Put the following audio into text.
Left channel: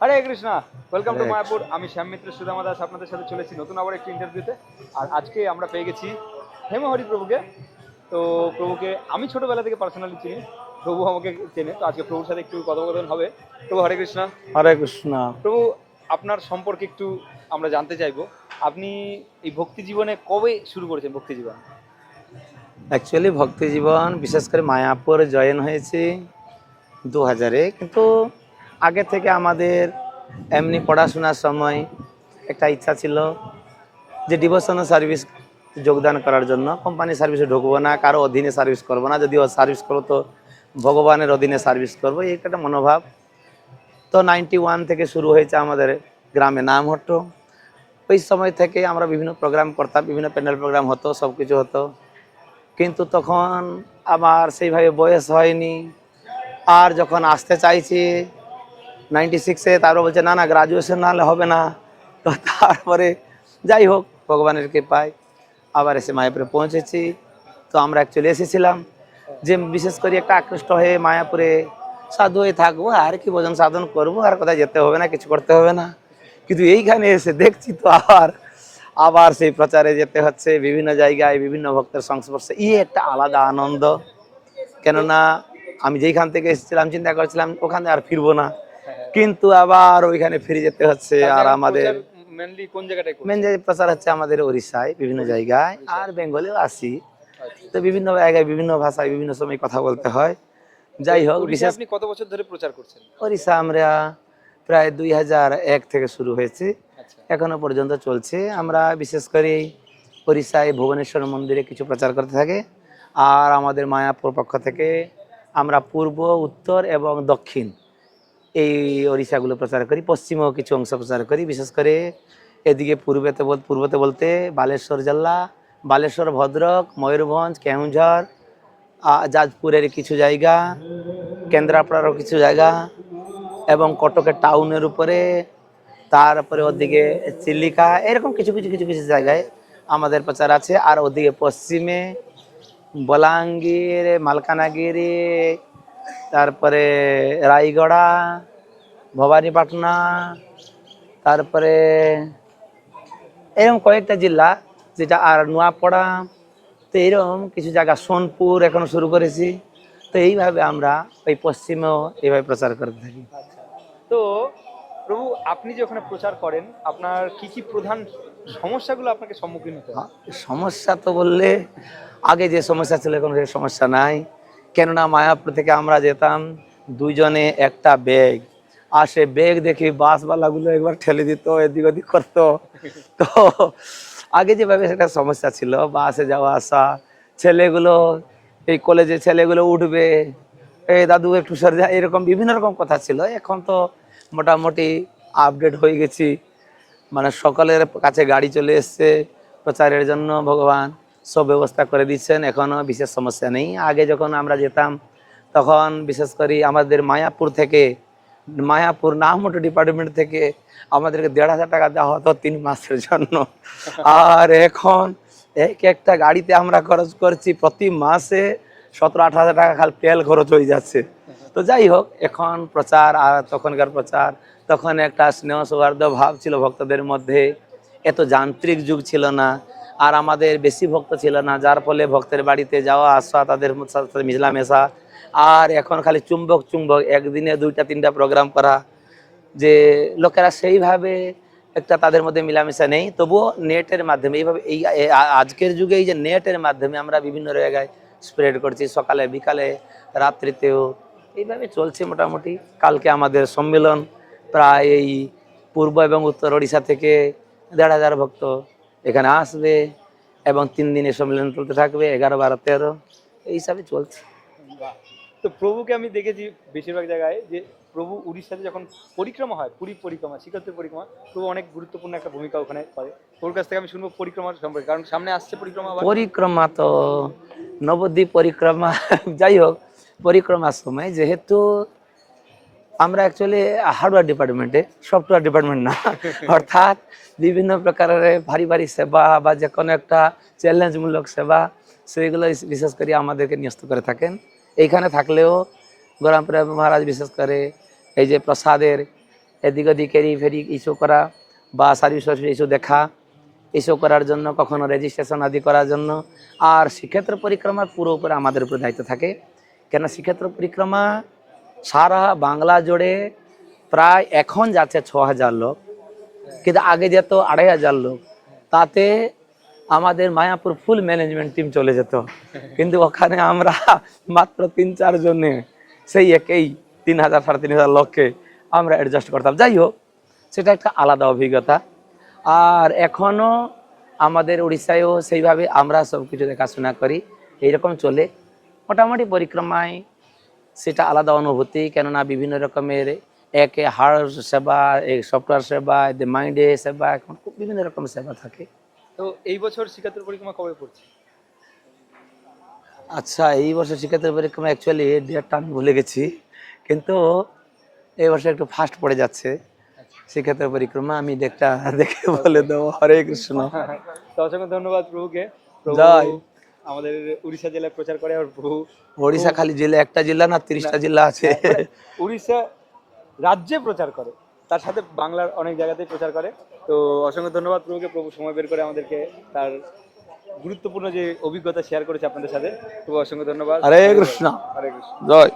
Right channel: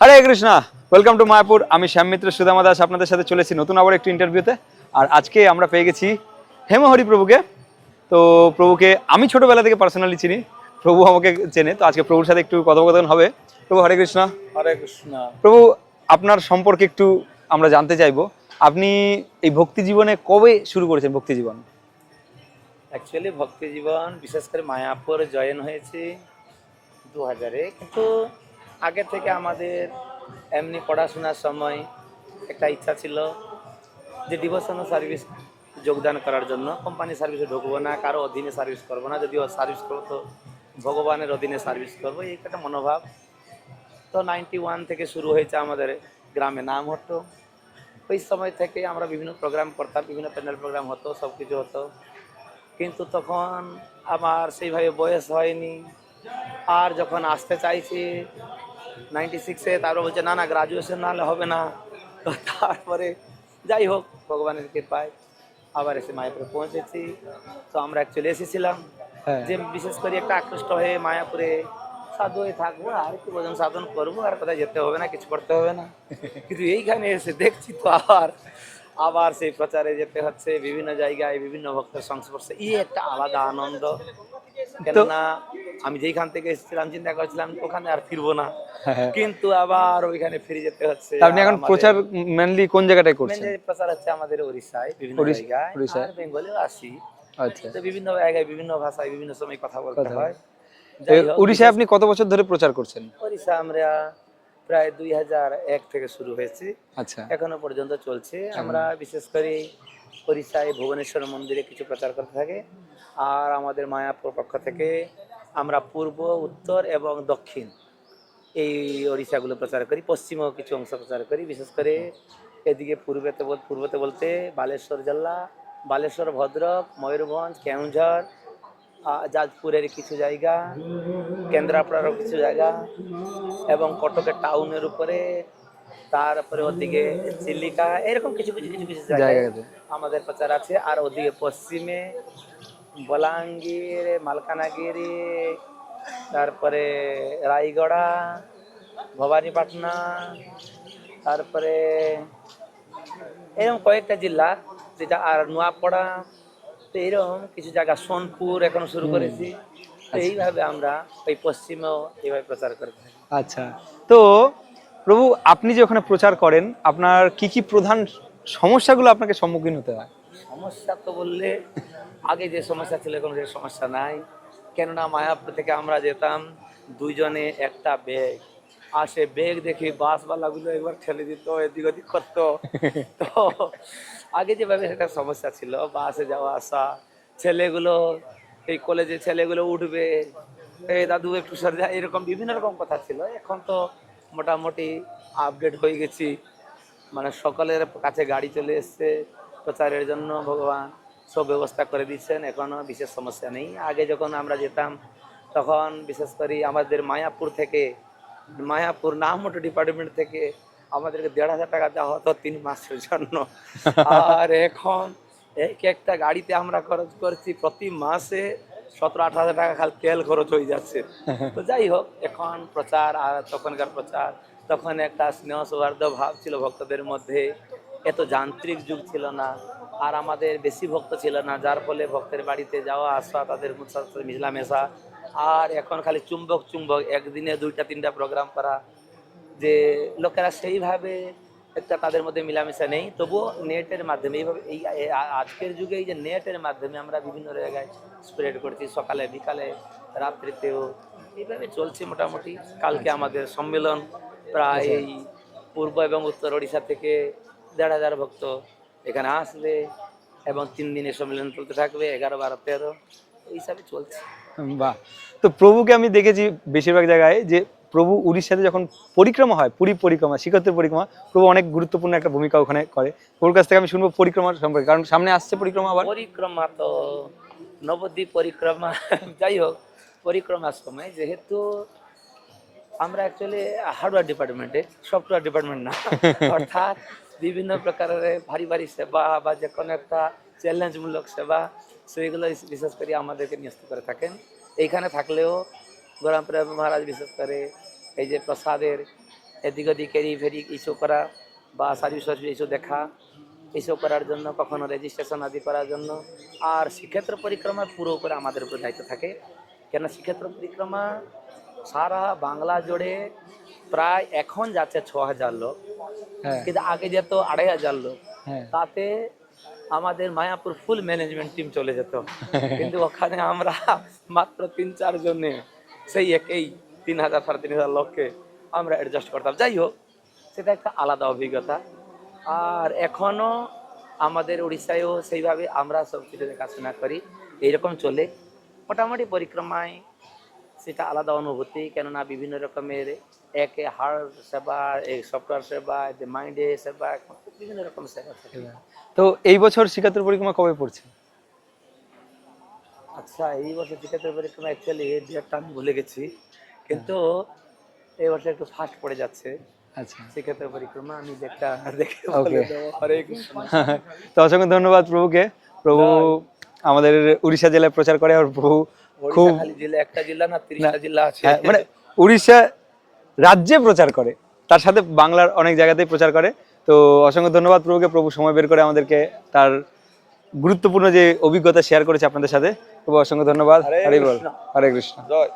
Hare Krishna welcome to Mayapur আমি শ্যাম মিত্র সুদামা দাস আপনাদের সাথে চলেছি নতুন আবার একটি ইন্টারভিউতে আর আজকে আমরা পেয়ে গেছি হেমহরি প্রভুকে তো প্রভুকে আমি ছোটবেলা থেকে পার্সোনালি চিনি প্রভু আমাকে চেনে তো আজকে প্রভুর সাথে একটু কথোপকথন হবে। প্রভু হরে কৃষ্ণ। হরে কৃষ্ণ। প্রভু আপনার সম্পর্কে একটু আমরা জানতে চাইব। আপনি এই ভক্তি জীবনে কবে শুরু করেছেন ভক্তি জীবন? অ্যাকচুয়ালি ভক্তি জীবন বিশেষ করে মায়াপুর জয়েন হয়েছে দু হাজারে কিন্তু আগে থেকে আমাদের এমনি পড়াশোনার সময় একটা ইচ্ছা ছিল যে ডিভোশনাল সার্ভিস যোগদান করার জন্য। কোম্পানি সার্ভিসে ঢুকবো না, কারও অধীনে সার্ভিস করব না। যদি সার্ভিস করো তো ভগবানের অধীনে সার্ভিস করব, এই একটা মনোভাব। তো নাইনটি ওয়ান থেকে শুরু হয়েছে আমাদের গ্রামে নাম হতো ওই সময় থেকে আমরা বিভিন্ন প্রোগ্রাম করতাম, বিভিন্ন প্যান্ডেল প্রোগ্রাম হতো সব কিছু হতো। কিন্তু তখন আমার সেইভাবে বয়স হয়নি। আর যখন আসতে চাইছি নাইনটি সিক্সে তারপর বলছে না না গ্রাজুয়েশন না হলে হবে না। তো তারপরে যাই হোক ভগবানের কৃপায় আবার এসে মায়াপুরে পৌঁছেছি। তো আমরা অ্যাকচুয়ালি এসেছিলাম। হ্যাঁ। যে বিশেষ করে একটা আকৃষ্ট হয়ে মায়াপুরে সাধু হয়ে থাকব আর কি ভোজন সাধন করব আর কোথায় যেতে হবে না কিছু করতে হবে না। কিন্তু এইখানে এসে দেখছি তো আবার আবার সেই প্রচারে যেতে হচ্ছে। বিভিন্ন জায়গায় বিভিন্ন ভক্তের সংস্পর্শে। ই একটা আলাদা আনন্দ। কেননা আমি যেইখান থেকে এসেছিলাম চিন্তা করেছিলাম ওখানে আর ফিরবো না। কিন্তু আবার ওইখানে ফিরে যেতে হচ্ছে হ্যাঁ, আমাদের প্রচার মেনলি কোন জায়গাটায় মেন করছেন প্রচার হচ্ছে আমাদের ওড়িশায় বিভিন্ন জায়গায়। ওড়িশায়। আর বেঙ্গলেও আসি আচ্ছা। তো বিভিন্ন জায়গায় বিভিন্ন ভাষায় বিভিন্ন সময় কথা বলতে হয়। যাই হোক উড়িষ্যায় আপনি কত বছর ধরে প্রচার করছেন? ওড়িশা আমরা প্রায় দুই হাজার এক থেকে শুরু হয়েছে। আচ্ছা। এখনও পর্যন্ত চলছে। আমরা বিশেষ করে ওড়িশায় ভুবনেশ্বর মন্দিরে কিছু প্রচার করতে থাকে। আর আমাদের মায়াপুর পক্ষ থেকে আমরা পূর্ব উত্তর এবং দক্ষিণ এই ওড়িশাগুলো প্রচার করি পশ্চিমেও কিছু অংশ প্রচার করি বিশেষ করে এদিকে পূর্বেতে বল পূর্বতে বলতে বালেশ্বর জেলা বালেশ্বর ভদ্রক ময়ূরভঞ্জ কেউঝর যাজপুরের কিছু জায়গা কেন্দ্রাপড়ারও কিছু জায়গা এবং কটকের টাউনের উপরে তারপরে ওদিকে চিল্লিকা এরকম কিছু কিছু কিছু কিছু জায়গায় আমাদের প্রচার আছে। আর ওদিকে পশ্চিমে বলাঙ্গীর মালকানাগিরি তারপরে রায়গড়া ভবানীপাটনা তারপরে এরকম কয়েকটা জেলা যেটা আর নোয়াপড়া তো এরকম কিছু জায়গা সোনপুর এখন শুরু করেছি। তো এইভাবে আমরা ওই পশ্চিমেও এইভাবে প্রচার করে থাকি। আচ্ছা। তো প্রভু আপনি যে ওখানে প্রচার করেন আপনার কি কি প্রধান সমস্যাগুলো আপনাকে সম্মুখীন হতে হয়? সমস্যা তো বললে আগে যে সমস্যা ছিল এখন সে সমস্যা নাই। কেননা মায়াপুর থেকে আমরা যেতাম, দুইজনে একটা ব্যাগ আর সে ব্যাগ দেখি বাসওয়ালাগুলো একবার ঠেলে দিত, এদিক ওদিক করতো। তো আগে যেভাবে সেটা সমস্যা ছিল, বাসে যাওয়া আসা, ছেলেগুলো, এই কলেজে ছেলেগুলো উঠবে, এই দাদু একটু সরে যা এরকম বিভিন্ন রকম কথা ছিল। এখন তো মোটামুটি আপডেট হয়ে গেছি। মানে সকলের কাছে গাড়ি চলে এসছে প্রচারের জন্য, ভগবান। সব ব্যবস্থা করে দিচ্ছেন এখনও বিশেষ সমস্যা নেই। আগে যখন আমরা যেতাম, তখন বিশেষ করে আমাদের মায়াপুর থেকে, মায়াপুর নামোটো ডিপার্টমেন্ট থেকে আমাদেরকে দেড় হাজার টাকা দেওয়া হতো তিন মাসের জন্য। আর এখন এক একটা গাড়িতে আমরা খরচ করছি প্রতি মাসে সতেরো আঠারো হাজার টাকা খালি তেল খরচ হয়ে যাচ্ছে। তো যাই হোক, এখন প্রচার আর তখনকার প্রচার, তখন একটা স্নেহ সৌহার্দ্য ভাব ছিল ভক্তদের মধ্যে। এত যান্ত্রিক যুগ ছিল না। আর আমাদের বেশি ভক্ত ছিল না, যার ফলে ভক্তের বাড়িতে যাওয়া, আসা, তাদের সাথে মিশলামেশা আর এখন খালি চুম্বক চুম্বক, একদিনে দুইটা, তিনটা প্রোগ্রাম করা। যে লোকেরা সেইভাবে একটা তাদের মধ্যে মিলামেশা নেই। তবুও নেটের মাধ্যমে, এইভাবে এই আজকের যুগে এই যে নেটের মাধ্যমে আমরা বিভিন্ন জায়গায় স্প্রেড করছি। সকালে, বিকালে, রাত্রিতেও। এইভাবে চলছে মোটামুটি। কালকে আমাদের সম্মেলন, প্রায় এই পূর্ব এবং উত্তর ওড়িশা থেকে দেড় হাজার ভক্ত। এখানে আসবে এবং তিন দিনের সম্মেলন চলতে থাকবে এগারো বারো তেরো এই হিসাবে চলছে। বাহ। তো প্রভুকে আমি দেখেছি বেশিরভাগ জায়গায় যে প্রভু উড়িষ্যাতে যখন পরিক্রমা হয় পুরী পরিক্রমা শিখরের পরিক্রমা প্রভু অনেক গুরুত্বপূর্ণ একটা ভূমিকা ওখানে করে। ওর কাছ থেকে আমি শুনব পরিক্রমার সম্পর্কে কারণ সামনে আসছে পরিক্রমা আবার। পরিক্রমা তো নবদ্বীপ পরিক্রমা যাই হোক পরিক্রমার সময়। যেহেতু আমরা অ্যাকচুয়ালি হার্ডওয়্যার ডিপার্টমেন্টে সফটওয়্যার ডিপার্টমেন্ট না অর্থাৎ বিভিন্ন প্রকারের ভারী ভারী সেবা বা যে কোনো একটা চ্যালেঞ্জমূলক সেবা সেইগুলো বিশেষ করে আমাদেরকে ন্যস্ত করে থাকেন। এইখানে থাকলেও গরমপুরা মহারাজ বিশেষ করে এই যে প্রসাদের এদিক ওদিক এরি ফেরি ইস্যু করা বা সার্ভিস ইস্যু দেখা, ইস্যু করার জন্য কখনো রেজিস্ট্রেশন আদি করার জন্য, আর শ্রীক্ষেত্র পরিক্রমা পুরো উপরে আমাদের উপর দায়িত্ব থাকে। কেন শ্রীক্ষেত্র পরিক্রমা সারা বাংলা জুড়ে প্রায় এখন যাচ্ছে ছ হাজার লোক। কিন্তু আগে যেত আড়াই হাজার লোক হ্যাঁ। তাতে আমাদের মায়াপুর ফুল ম্যানেজমেন্ট টিম চলে যেত। কিন্তু ওখানে আমরা মাত্র তিন চার জনে সেই একই তিন হাজার সাড়ে তিন হাজার লোককে আমরা অ্যাডজাস্ট করতাম। যাই হোক সেটা একটা আলাদা অভিজ্ঞতা। আর এখনও আমাদের উড়িষ্যায়ও সেইভাবে আমরা সব কিছু দেখাশোনা করি এইরকম চলে। মোটামুটি পরিক্রমায় সেটা আলাদা অনুভূতি কেননা বিভিন্ন রকমের একে সেবা এক সফটওয়্যার সেবা মাইন্ডে সেবা বিভিন্ন রকম সেবা থাকে। তো এই বছর শ্রীক্ষেত্র পরিক্রমা কবে পড়ছে? আচ্ছা এই বছর শিক্ষার্থী পরিক্রমা অ্যাকচুয়ালি ডেটটা আমি ভুলে গেছি কিন্তু এই বছর একটু ফাস্ট পড়ে যাচ্ছে আচ্ছা। শিক্ষার্থী পরিক্রমা। আমি দেখটা দেখে বলে দেবো। হরে কৃষ্ণ। তো অসংখ্য ধন্যবাদ প্রভুকে। প্রভু আমাদের উড়িষ্যা জেলায় প্রচার করে আর প্রভু ওড়িশা খালি জেলা একটা জেলা না তিরিশটা জেলা আছে। মানে উড়িষ্যা রাজ্যে প্রচার করে। তার সাথে বাংলার অনেক জায়গাতেই প্রচার করে। তো অসংখ্য ধন্যবাদ প্রভুকে। প্রভু সময় বের করে আমাদেরকে তার গুরুত্বপূর্ণ যে অভিজ্ঞতা শেয়ার করেছে আপনাদের সাথে। খুব অসংখ্য ধন্যবাদ। হরে। কৃষ্ণ। হরে কৃষ্ণ। জয়।